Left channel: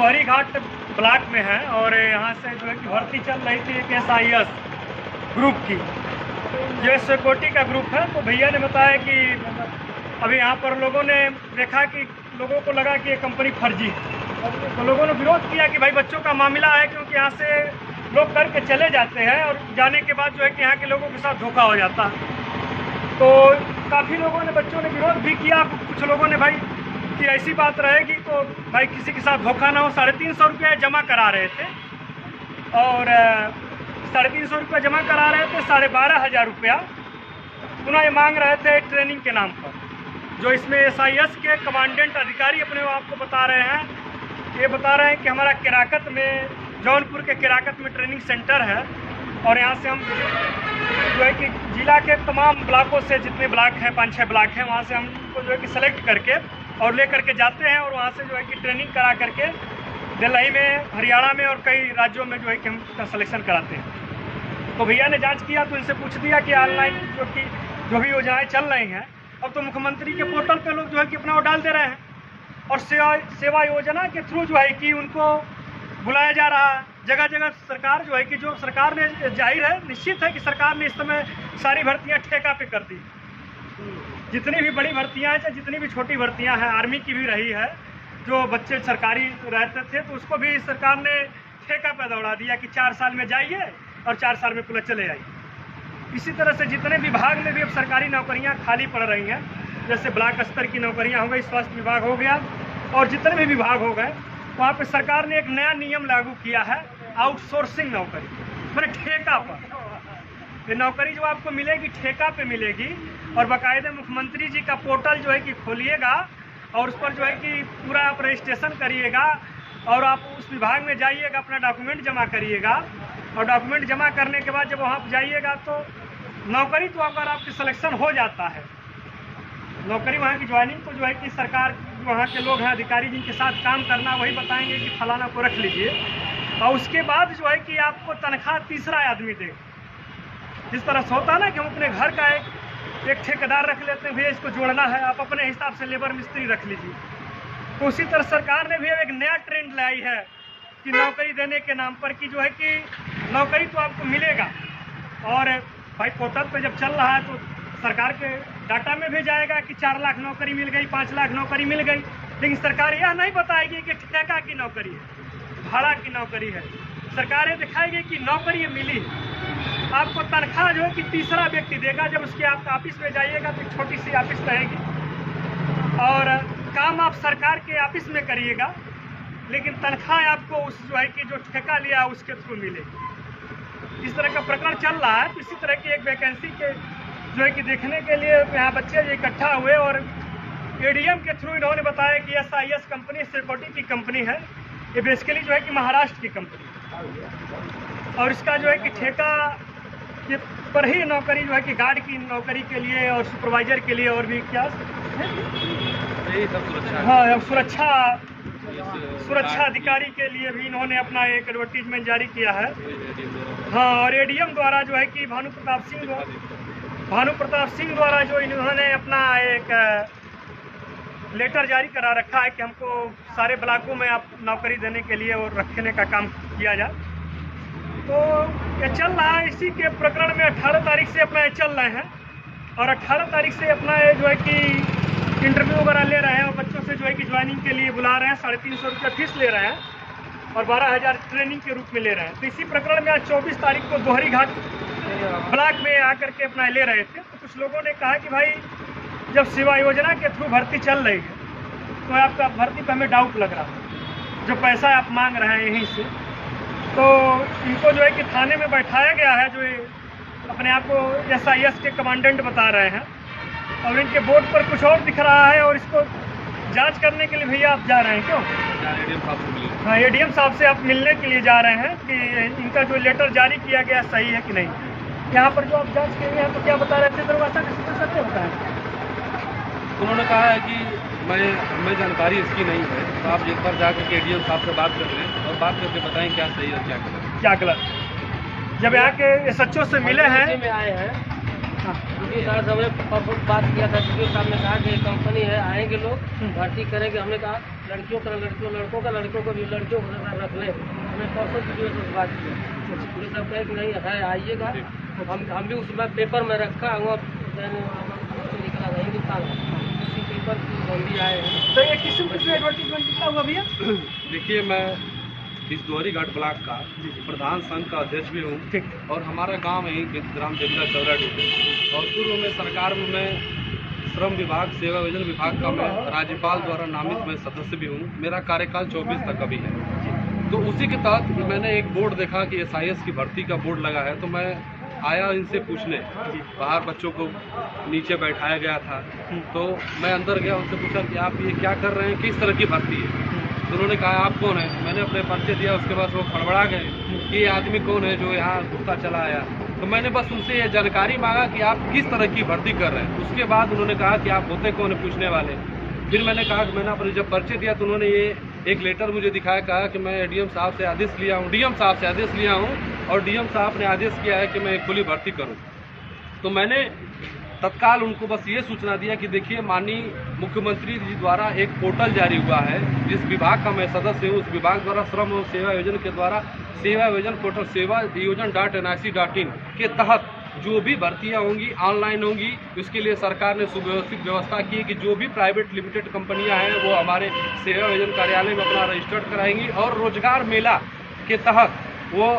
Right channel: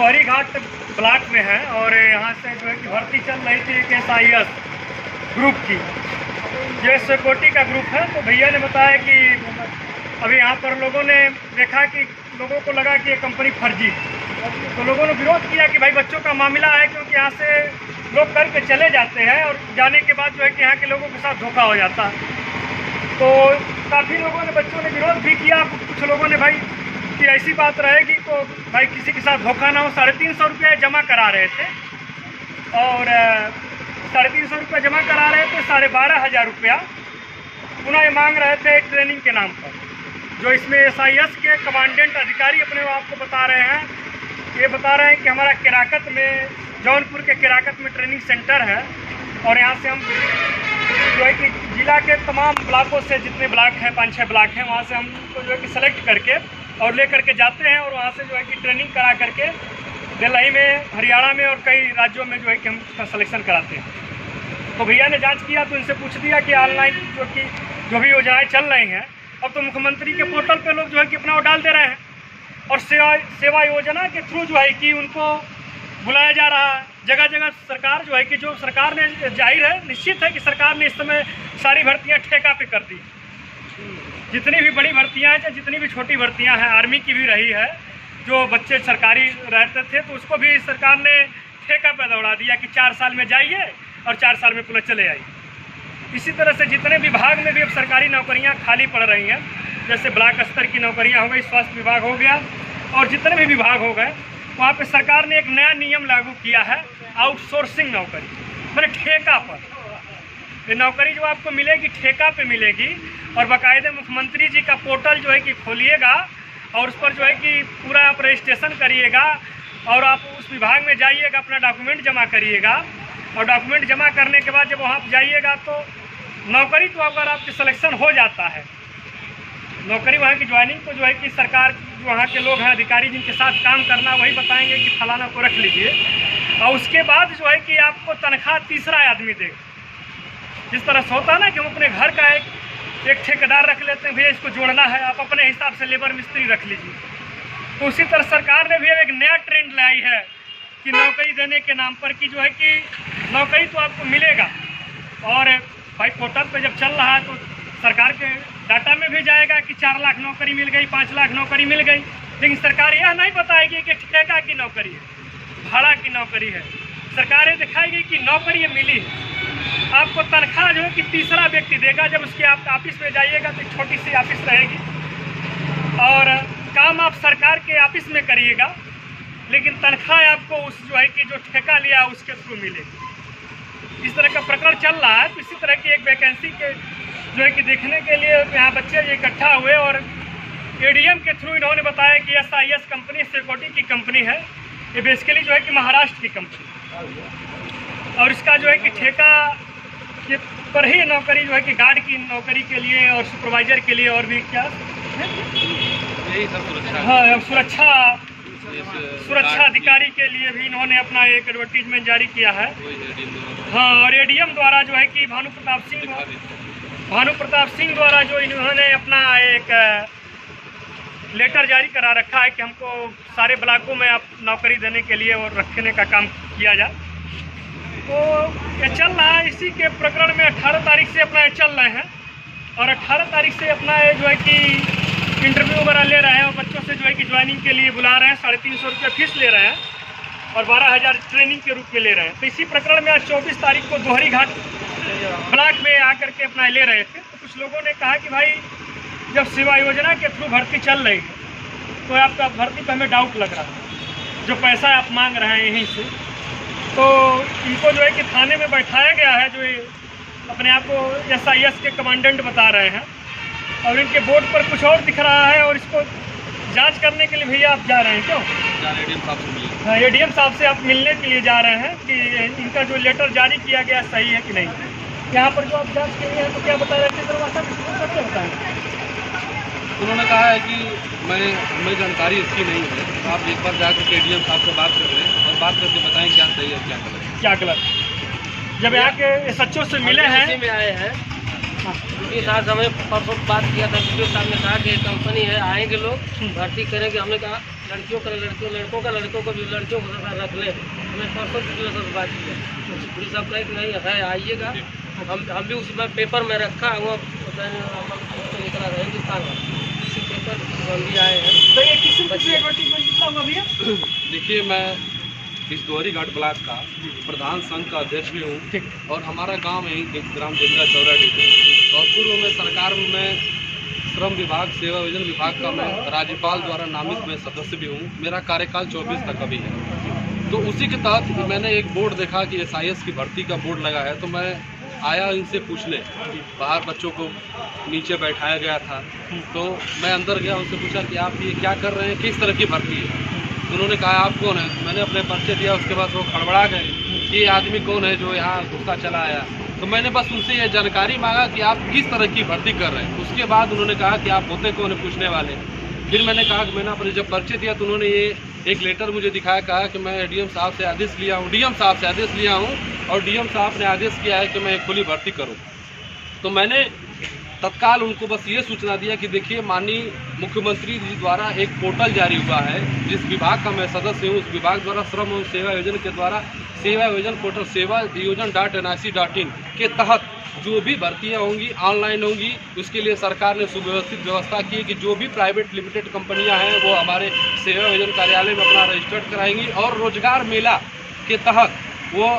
दोहरी घाट ब्लॉक में है और यहाँ से जो है कि भर्ती चल रही थी एक SIS ग्रुप की, ये सिक्योरिटी का ग्रुप है। तो भैया ने बताया कि अभी यहाँ पर लोगों ने देखा कि लोगों को लगा कि ये कंपनी फर्जी, तो लोगों ने विरोध किया कि भाई बच्चों का मामला है, क्योंकि यहाँ से लोग करके चले जाते हैं और जाने के बाद जो है कि यहाँ के लोगों के साथ धोखा हो जाता है। तो काफ़ी लोगों ने, बच्चों ने विरोध भी किया। कुछ लोगों ने भाई कि ऐसी बात रहेगी तो भाई किसी के साथ धोखा ना हो। 350 रुपये जमा करा रहे थे और 350 रुपये जमा करा रहे थे, 12,500 रुपया पुनः ये मांग रहे थे ट्रेनिंग के नाम पर। जो इसमें SIS के कमांडेंट अधिकारी अपने आपको बता रहे हैं, ये बता रहे हैं कि हमारा केराकत में, जौनपुर के केराकत में ट्रेनिंग सेंटर है और यहाँ से हम जो है कि जिला के तमाम ब्लॉकों से, जितने ब्लॉक हैं 5-6 ब्लॉक हैं, वहाँ से हमको जो है कि सेलेक्ट करके और ले करके जाते हैं और वहाँ से जो है कि ट्रेनिंग करा करके दिल्ली में, हरियाणा में और कई राज्यों में जो है कि हम इसका सिलेक्शन कराते हैं। तो भैया ने जांच किया तो इनसे पूछ दिया कि ऑनलाइन जो भी योजनाएँ चल रही हैं, अब तो मुख्यमंत्री के पोर्टल पे लोग जो है कि अपना वो डाल दे रहे हैं और सेवा योजना के थ्रू जो है कि उनको बुलाया जा रहा है। जगह जगह सरकार जो है कि जो सरकार ने, जाहिर है, निश्चित है कि सरकार ने इस समय सारी भर्तियां ठेका पे कर दी। जितनी भी बड़ी भर्तियां हैं, जितनी भी छोटी भर्तियां हैं, आर्मी की भी रही है, जो बच्चे सरकारी रहते थे तो उसको भी सरकार ने ठेका पे दौड़ा दिया कि 4 साल में जाइए और 4 साल में पुनः चले आइए। इसी तरह से जितने विभाग में भी अब सरकारी नौकरियाँ खाली पड़ रही हैं, जैसे ब्लॉक स्तर की नौकरियाँ हो गई, स्वास्थ्य विभाग हो गया और जितने भी विभाग हो गए, वहाँ पे सरकार ने एक नया नियम लागू किया है, आउटसोर्सिंग नौकरी, मतलब ठेका पर। ये नौकरी जो आपको मिलेगी ठेका पे मिलेगी और बाकायदे मुख्यमंत्री जी का पोर्टल जो है कि खोलिएगा और उस पर जो है कि पूरा आप रजिस्ट्रेशन करिएगा और आप उस विभाग में जाइएगा, अपना डॉक्यूमेंट जमा करिएगा और डॉक्यूमेंट जमा करने के बाद जब वहाँ पर जाइएगा तो नौकरी तो अगर आपकी सिलेक्शन हो जाता है, नौकरी वहाँ की ज्वाइनिंग को जो है कि सरकार, वहाँ के लोग हैं अधिकारी जिनके साथ काम करना, वही बताएंगे कि फलाना को रख लीजिए और उसके बाद जो है कि आपको तनख्वाह तीसरा आदमी देगा। जिस तरह से होता है ना कि हम अपने घर का एक ठेकेदार रख लेते हैं, भैया इसको जोड़ना है, आप अपने हिसाब से लेबर मिस्त्री रख लीजिए। तो उसी तरह सरकार ने भी एक नया ट्रेंड लाई है कि नौकरी देने के नाम पर कि जो है कि नौकरी तो आपको मिलेगा और भाई पोर्टल पे जब चल रहा है तो सरकार के डाटा में भी जाएगा कि 4 लाख नौकरी मिल गई, 5 लाख नौकरी मिल गई, लेकिन सरकार यह नहीं बताएगी कि ठेका की नौकरी है, भाड़ा की नौकरी है। सरकार ये दिखाएगी कि नौकरी मिली, आपको तनख्वाह जो है कि तीसरा व्यक्ति देगा। जब उसके आप ऑफिस में जाइएगा तो एक छोटी सी ऑफिस रहेगी और काम आप सरकार के ऑफिस में करिएगा, लेकिन तनख्वाह आपको उस जो है कि जो ठेका लिया उसके थ्रू मिलेगी। इस तरह का प्रकरण चल रहा है। तो इसी तरह की एक वैकेंसी के जो है कि देखने के लिए यहाँ बच्चे जो इकट्ठा हुए और ADM के थ्रू इन्होंने बताया कि SIS कंपनी सिक्योरिटी की कंपनी है, ये बेसिकली जो है कि महाराष्ट्र की कंपनी और इसका जो है कि ठेका के पर ही नौकरी जो है कि गार्ड की नौकरी के लिए और सुपरवाइजर के लिए और भी क्या सुरक्षा अधिकारी के लिए भी इन्होंने अपना एक एडवर्टीजमेंट जारी किया है। हाँ, और ADM द्वारा जो है कि भानु प्रताप सिंह द्वारा जो इन्होंने अपना एक लेटर जारी करा रखा है कि हमको सारे ब्लॉकों में आप नौकरी देने के लिए और रखने का काम किया जाए। तो ये चल रहा है। इसी के प्रकरण में 18 तारीख से अपना ये चल रहे हैं और 18 तारीख से अपना ये जो है कि इंटरव्यू वगैरह ले रहे हैं और बच्चों से जो है कि ज्वाइनिंग के लिए बुला रहे हैं। 350 रुपये फीस ले रहे हैं और 12,000 ट्रेनिंग के रूप में ले रहे हैं। तो इसी प्रकरण में आज 24 तारीख को दोहरी घाट ब्लॉक में आकर के अपना ले रहे थे। तो कुछ लोगों ने कहा कि भाई जब सेवा योजना के थ्रू भर्ती चल रही है तो आपका भर्ती पर हमें डाउट लग रहा है, जो पैसा आप मांग रहे हैं यहीं से। तो इनको जो है कि थाने में बैठाया गया है, जो अपने आप को SIS के कमांडेंट बता रहे हैं और इनके बोर्ड पर कुछ और दिख रहा है और इसको जांच करने के लिए भैया आप जा रहे हैं क्यों? ADM साहब से मिलने। हाँ, ADM साहब से आप मिलने के लिए जा रहे हैं कि इनका जो लेटर जारी किया गया सही है कि नहीं। यहाँ पर जो आप जांच किए हैं तो क्या बता रहे थे दरवाजा सबसे बताएं। उन्होंने कहा है कि हमें जानकारी इसकी नहीं है, तो आप एक बार जाकर के ADM साहब से बात कर लें और बात करके बताएं क्या सही और क्या गलत। जब यहाँ के SHO से मिले हैं, हाँ। उनके साथ हमें परसों बात किया था, वीडियो साहब ने कहा कि कंपनी है, आएंगे लोग भर्ती करेंगे। हमने कहा लड़कियों को लड़कों को भी लड़कियों को रख ले। हमें परसों वीडियो साहब से बात किया, वीडियो साहब कहे कि नहीं है, आइएगा। हम भी उसमें पेपर में रखा, वो निकला था हिंदुस्तान में, उसी पेपर की हम भी आए हैं। तो ये किसी एडवर्टीजमेंट कितना हुआ भैया? देखिए, मैं इस दोहरी घाट ब्लॉक का प्रधान संघ का अध्यक्ष भी हूँ, ठीक। और हमारा गांव है ग्राम देवरा चौरा डिस्ट्रिक्ट, और पूर्व में सरकार में श्रम विभाग सेवा योजना विभाग का मैं राज्यपाल द्वारा नामित मैं सदस्य भी हूँ। मेरा कार्यकाल 24 तक अभी है। तो उसी के तहत मैंने एक बोर्ड देखा कि SIS की भर्ती का बोर्ड लगा है, तो मैं आया इनसे पूछने। बाहर बच्चों को नीचे बैठाया गया था, तो मैं अंदर गया, उनसे पूछा कि आप ये क्या कर रहे हैं, किस तरह की भर्ती है। तो उन्होंने कहा आप कौन है? तो मैंने अपने परिचय दिया। उसके बाद वो खड़बड़ा गए कि ये आदमी कौन है जो यहाँ घुसता चला आया। तो मैंने बस उनसे ये जानकारी मांगा कि आप किस तरह की भर्ती कर रहे हैं। उसके बाद उन्होंने कहा कि आप होते कौन है पूछने वाले। फिर मैंने कहा कि मैंने अपने जब परिचय दिया तो उन्होंने ये एक लेटर मुझे दिखाया, कहा कि मैं DM साहब से आदेश लिया हूँ, DM साहब से आदेश लिया हूँ, और DM साहब ने आदेश किया है कि मैं एक खुली भर्ती करूँ। तो मैंने तत्काल उनको बस ये सूचना दिया कि देखिए, माननीय मुख्यमंत्री जी द्वारा एक पोर्टल जारी हुआ है, जिस विभाग का मैं सदस्य हूँ, उस विभाग द्वारा श्रम एवं सेवा योजना के द्वारा सेवा योजना पोर्टल सेवा योजना.nic.in के तहत जो भी भर्तियां होंगी ऑनलाइन होंगी। उसके लिए सरकार ने सुव्यवस्थित व्यवस्था की है कि जो भी प्राइवेट लिमिटेड कंपनियां हैं वो हमारे सेवा योजना कार्यालय में अपना रजिस्टर्ड कराएंगी, और रोजगार मेला के तहत वो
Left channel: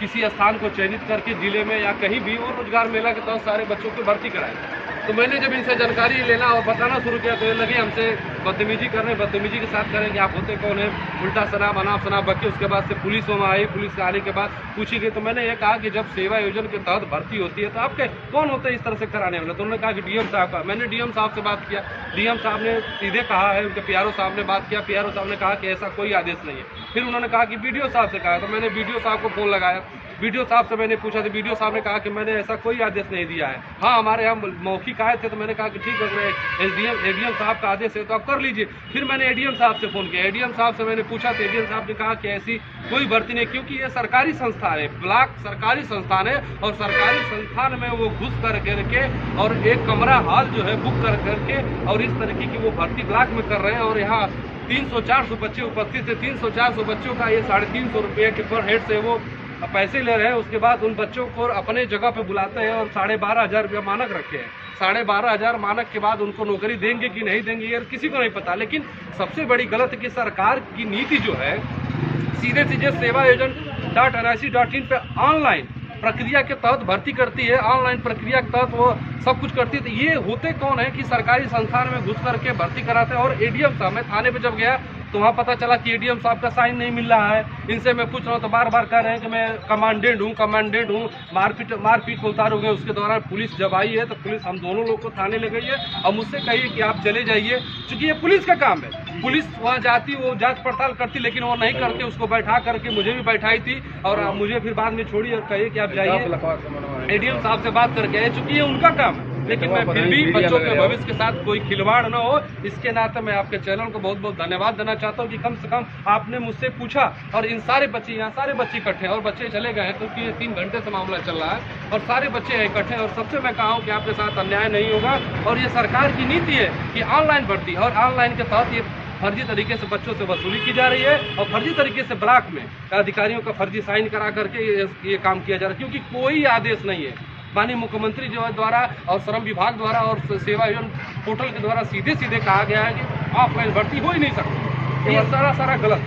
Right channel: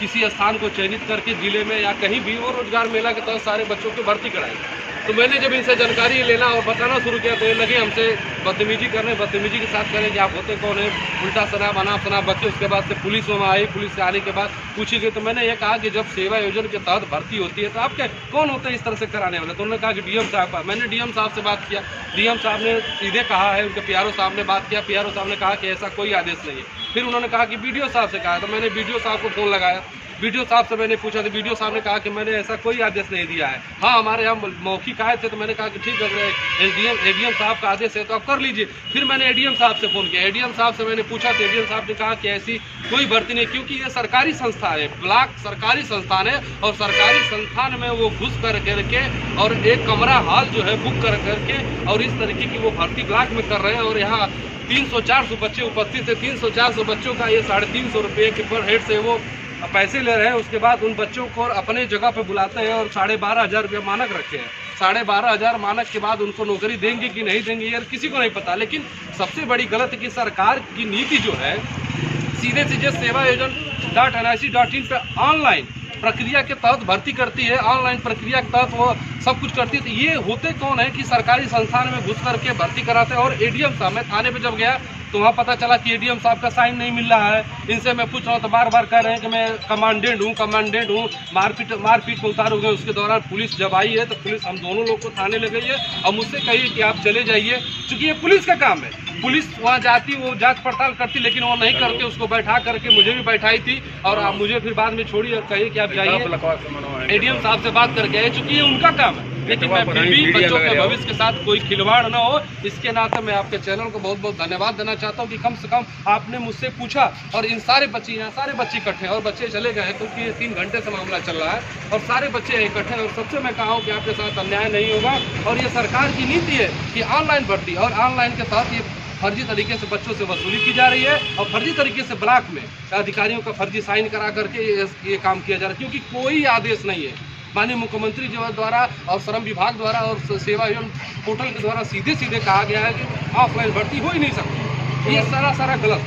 किसी स्थान को चयनित करके जिले में या कहीं भी वो रोजगार मेला के तहत सारे बच्चों को भर्ती कराएंगे। तो मैंने जब इनसे जानकारी लेना और बताना शुरू किया तो ये लगे हमसे बदतमीजी करने, बदतमीजी के साथ करें कि आप होते कौन है, उल्टा शराब अनाप शनाप बके। उसके बाद से पुलिस वहाँ आई, पुलिस से आने के बाद पूछी गई तो मैंने ये कहा कि जब सेवा योजना के तहत भर्ती होती है तो आपके कौन होते हैं इस तरह से कराने वाले? तो उन्होंने कहा कि DM साहब का। मैंने DM साहब से बात किया, DM साहब ने सीधे कहा है, उनके PRO साहब ने बात किया, PRO साहब ने कहा कि ऐसा कोई आदेश नहीं है। फिर उन्होंने कहा कि BDO साहब से कहा, तो मैंने BDO साहब को फ़ोन लगाया, BDO साहब से मैंने पूछा तो BDO साहब ने कहा कि मैंने ऐसा कोई आदेश नहीं दिया है। हाँ, हमारे यहाँ मौखिक आए थे, तो मैंने कहा कि ठीक है, ADM साहब का आदेश है तो आप कर लीजिए। फिर मैंने ADM साहब से फ़ोन किया, ADM साहब से मैंने पूछा तो ADM साहब ने कहा कि ऐसी कोई भर्ती नहीं, क्योंकि ये सरकारी संस्थान है, ब्लॉक सरकारी संस्थान है, और सरकारी संस्थान में वो घुस कर करके और एक कमरा हॉल जो है बुक कर करके और इस तरीके की वो भर्ती ब्लॉक में कर रहे हैं। और यहाँ 300-400 बच्चे उपस्थित है, 300-400 बच्चों का ये 350 रुपये के पर हेड से वो पैसे ले रहे हैं। उसके बाद उन बच्चों को अपने जगह पे बुलाते हैं और 12,500 रुपया मानक रखे हैं। 12,500 मानक के बाद उनको नौकरी देंगे कि नहीं देंगे यार किसी को नहीं पता। लेकिन सबसे बड़ी गलत है कि सरकार की नीति जो है सीधे सीधे सेवा योजना.nic.in पे ऑनलाइन प्रक्रिया के तहत भर्ती करती है, ऑनलाइन प्रक्रिया के तहत वो सब कुछ करती है। तो ये होते कौन है कि सरकारी संस्थान में घुस करके भर्ती कराते हैं। और ADM साहब, मैं थाने पे जब गया तो वहाँ पता चला कि ADM साहब का साइन नहीं मिल रहा है। इनसे मैं पूछ रहा हूँ तो बार बार कह रहे हैं कि मैं कमांडेंट हूँ। मारपीट में उतार हो गए। उसके दौरान पुलिस जब आई है तो पुलिस हम दोनों लोग को थाने ले गई है और मुझसे कही कि आप चले जाइए, क्योंकि ये पुलिस का काम है। पुलिस वहाँ जाती, वो जांच पड़ताल करती, लेकिन वो नहीं करके उसको बैठा करके मुझे भी बैठाई थी और मुझे फिर बाद में छोड़ी और कही कि आप जाइए ADM साहब से बात करके आए, चूँकि ये उनका काम है। लेकिन मैं फिर भी बच्चों के भविष्य के साथ कोई खिलवाड़ न हो, इसके नाते मैं आपके चैनल को बहुत बहुत धन्यवाद देना चाहता हूं कि कम से कम आपने मुझसे पूछा। और इन सारे बच्चे, यहाँ सारे बच्चे इकट्ठे हैं और बच्चे चले गए हैं क्योंकि ये 3 घंटे से मामला चल रहा है और सारे बच्चे इकट्ठे हैं। और सबसे मैं कहा हूँ कि आपके साथ अन्याय नहीं होगा और ये सरकार की नीति है कि ऑनलाइन भर्ती और ऑनलाइन के तहत ये फर्जी तरीके से बच्चों से वसूली की जा रही है और फर्जी तरीके से ब्लॉक में अधिकारियों का फर्जी साइन करा करके ये काम किया जा रहा है, क्योंकि कोई आदेश नहीं है माननीय मुख्यमंत्री जी द्वारा और श्रम विभाग द्वारा और सेवा योजना पोर्टल के द्वारा सीधे सीधे कहा गया है कि ऑफलाइन भर्ती हो ही नहीं सकती। ये सारा गलत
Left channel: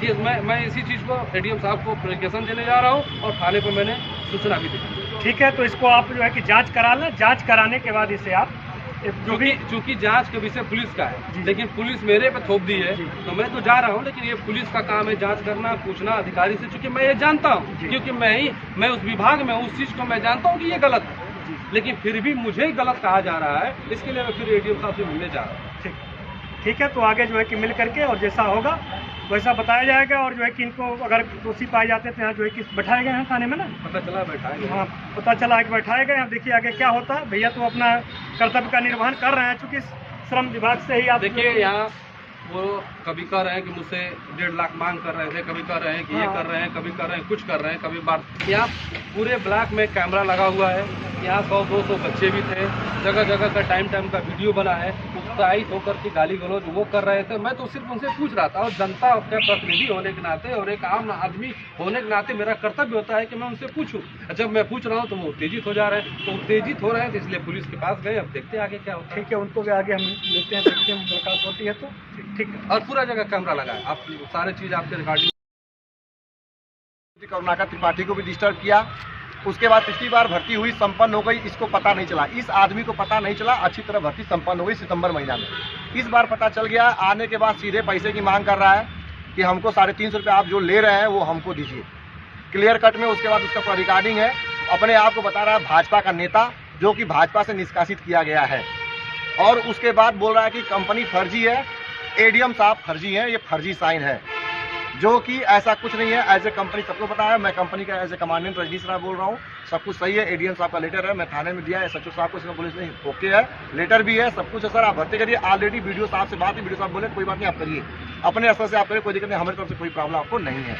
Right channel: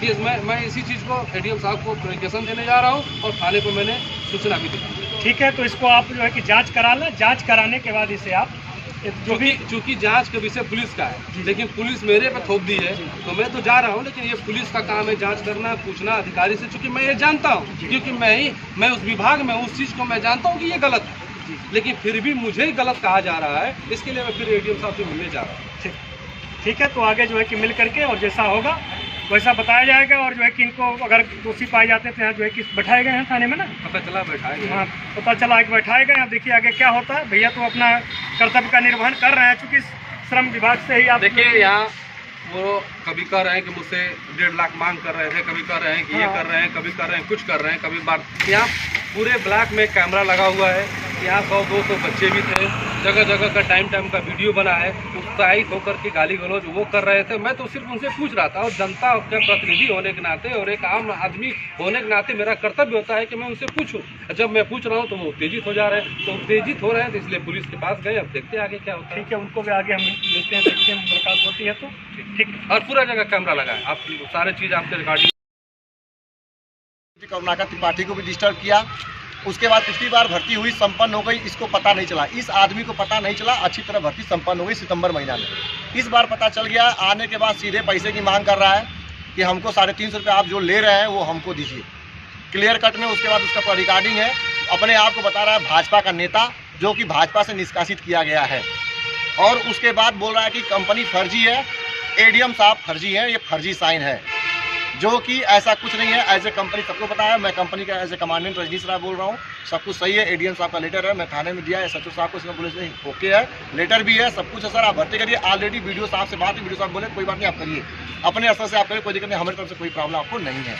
चीज़। मैं इसी चीज़ को ADM साहब को एप्लीकेशन देने जा रहा हूँ और थाने पर मैंने सूचना भी दी। ठीक है, तो इसको आप जो है कि जांच करा लें। जांच कराने के बाद इसे आप चूँकि जांच का विषय पुलिस का है, लेकिन पुलिस मेरे पे थोप दी है तो मैं तो जा रहा हूँ, लेकिन ये पुलिस का काम है जांच करना, पूछना अधिकारी से। चूँकि मैं ये जानता हूँ, क्योंकि मैं उस विभाग में उस चीज़ को मैं जानता हूँ कि ये गलत है, लेकिन फिर भी मुझे गलत कहा जा रहा है। इसके लिए मैं फिर ADM साहब से मिलने जा रहा हूँ। ठीक है, तो आगे जो है कि मिल करके और जैसा होगा वैसा बताया जाएगा। और जो है कि इनको अगर दोषी पाए जाते हैं तो यहाँ जो है कि बैठाए गए हैं थाने में ना, पता चला बैठाए गए। हाँ, पता चला कि बैठाए गए। अब देखिए आगे क्या होता है। भैया तो अपना कर्तव्य का निर्वहन कर रहे हैं, चूँकि श्रम विभाग से ही आप देखिए यहाँ वो कभी कह रहे हैं कि मुझसे 1.5 लाख मांग कर रहे थे, कभी कह रहे हैं कि ये कर रहे हैं, कभी कर रहे हैं कुछ कर रहे हैं, कभी बार। यहाँ पूरे ब्लॉक में कैमरा लगा हुआ है, यहाँ 100-200 बच्चे भी थे, जगह जगह का टाइम का वीडियो बना है, उत्साहित होकर के गाली गलौज वो कर रहे थे। मैं तो सिर्फ उनसे पूछ रहा था, और जनता के प्रतिनिधि होने के नाते और एक आम आदमी होने के नाते मेरा कर्तव्य होता है कि मैं उनसे पूछूं। जब मैं पूछ रहा हूं तो वो उत्तेजित हो जा रहे हैं, तो उत्तेजित हो रहे हैं तो इसलिए पुलिस के पास गए। अब देखते हैं आगे क्या होता है। ठीक है, उनको भी आगे हम लेते हैं, देखते हैं मुलाकात होती है तो ठीक है। और पूरा जगह कैमरा लगा है, आप सारे चीज़ आपके रिकॉर्डिंग। करुणाकर त्रिपाठी को भी डिस्टर्ब किया। उसके बाद पिछली बार भर्ती हुई, संपन्न हो गई, इसको पता नहीं चला, इस आदमी को पता नहीं चला, अच्छी तरह भर्ती संपन्न हो गई सितंबर महीना में। इस बार पता चल गया, आने के बाद सीधे पैसे की मांग कर रहा है कि हमको 350 रुपये आप जो ले रहे हैं वो हमको दीजिए, क्लियर कट में। उसके बाद उसका रिकॉर्डिंग है, अपने आप को बता रहा है भाजपा का नेता, जो कि भाजपा से निष्कासित किया गया है। और उसके बाद बोल रहा है कि कंपनी फर्जी है, एडीएम साहब फर्जी है, ये फर्जी साइन है, जो कि ऐसा कुछ नहीं है। एज ए कंपनी सबको पता है, मैं कंपनी का एज ए कमांडेंट रजनीश राय बोल रहा हूँ, सब कुछ सही है। एडीएम साहब का लेटर है, मैं थाने में दिया है, सचिव साहब को इसमें पुलिस ने ओके है, लेटर भी है, सब कुछ है सर, आप भर्ती करिए। ऑलरेडी वीडियो साहब से बात है, वीडियो साहब बोले कोई बात नहीं आप करिए, अपने स्तर से आप करिए, कोई दिक्कत नहीं, हमारी तरफ से कोई प्रॉब्लम आपको नहीं है।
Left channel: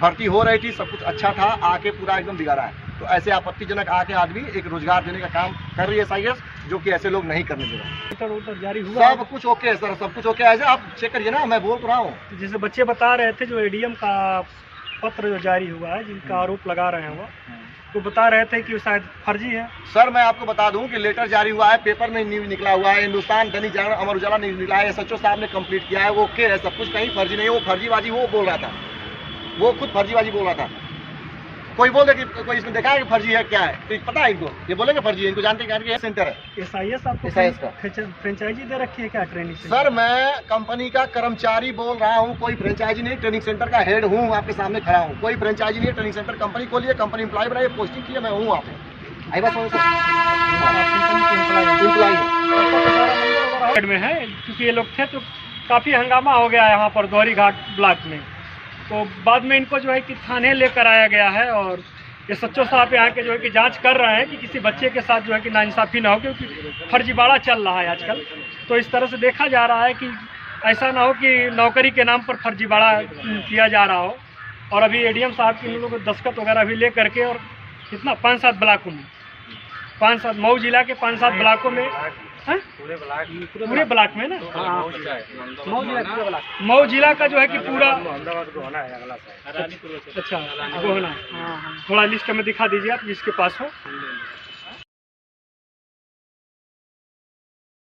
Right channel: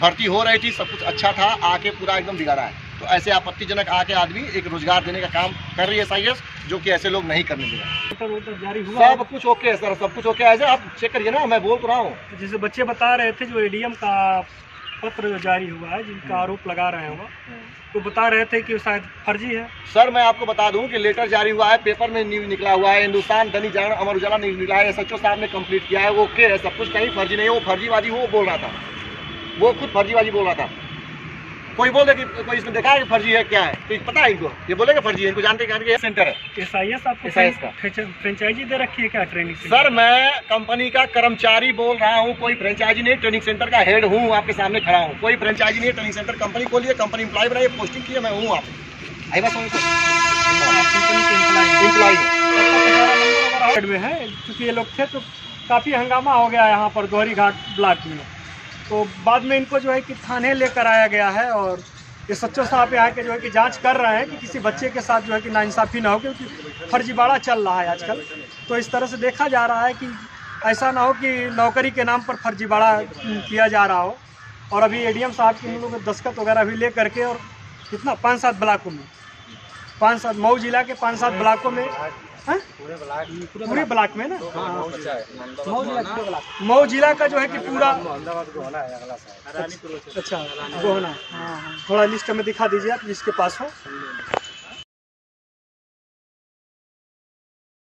भर्ती हो रही थी, सब कुछ अच्छा था, आके पूरा एकदम बिगाड़ा है। तो ऐसे आपत्तिजनक आके आदमी एक रोजगार देने का काम कर रही है SIS, जो कि ऐसे लोग नहीं करने दे रहे। उधर जारी हुआ, सब कुछ ओके है सर, सब कुछ ओके है। ऐसे आप चेक करिए ना, मैं बोल तो रहा हूँ। जैसे बच्चे बता रहे थे, जो एडीएम का पत्र जो जारी हुआ है, जिनका आरोप लगा रहे हैं वो, तो बता रहे थे कि वो शायद फर्जी है। सर मैं आपको बता दूं कि लेटर जारी हुआ है, पेपर में न्यूज निकला हुआ है, हिंदुस्तान, दैनिक जागरण, अमर उजाला न्यूज निकला है, SHO साहब ने कंप्लीट किया है, वो ओके है, सब कुछ, कहीं फर्जी नहीं है। वो फर्जीबाजी वो बोल रहा था, वो खुद फर्जीबाजी बोल रहा था। कोई बोल दे कि कोई इसने देखा है कि फर्जी है, क्या है तो पता है इनको, ये बोलेगा फर्जी है, इनको जानते हैं कि ये सेंटर है SIS आपको SIS का फ्रेंचाइजी दे रखी है क्या ट्रेनिंग से? सर मैं कंपनी का कर्मचारी बोल रहा हूँ, कोई फ्रेंचाइजी नहीं, ट्रेनिंग सेंटर का हेड हूँ, आपके सामने खड़ा हूँ, कोई फ्रेंचाइजी नहीं है। ट्रेनिंग सेंटर कंपनी खोली है, कंपनी एम्प्लॉय बनाई, पोस्टिंग की है, मैं हूँ। आप आई बात समझ कंपनी के एम्प्लॉय में है, क्योंकि ये लोग थे तो काफ़ी हंगामा हो गया यहाँ पर दोहरी घाट ब्लॉक में। तो बाद में इनको जो है कि थाने लेकर आया गया है, और ये SHO साहब यहाँ के जो है कि जांच कर रहे हैं कि किसी बच्चे के साथ जो है कि नाइंसाफ़ी ना हो, क्योंकि फर्जीवाड़ा चल रहा है आजकल। तो इस तरह से देखा जा रहा है कि ऐसा ना हो कि नौकरी के नाम पर फर्जीवाड़ा किया जा रहा हो। और अभी एडीएम साहब के उन लोगों को दस्तखत वगैरह भी ले करके, और कितना 5-7 ब्लॉकों में, 5-7 मऊ जिला के 5-7 ब्लॉकों में, पूरे ब्लॉक में ना, मऊ जिला का जो है कि पूरा, अच्छा गोहना, थोड़ा लिस्ट में दिखा दीजिए आप जिसके पास हो।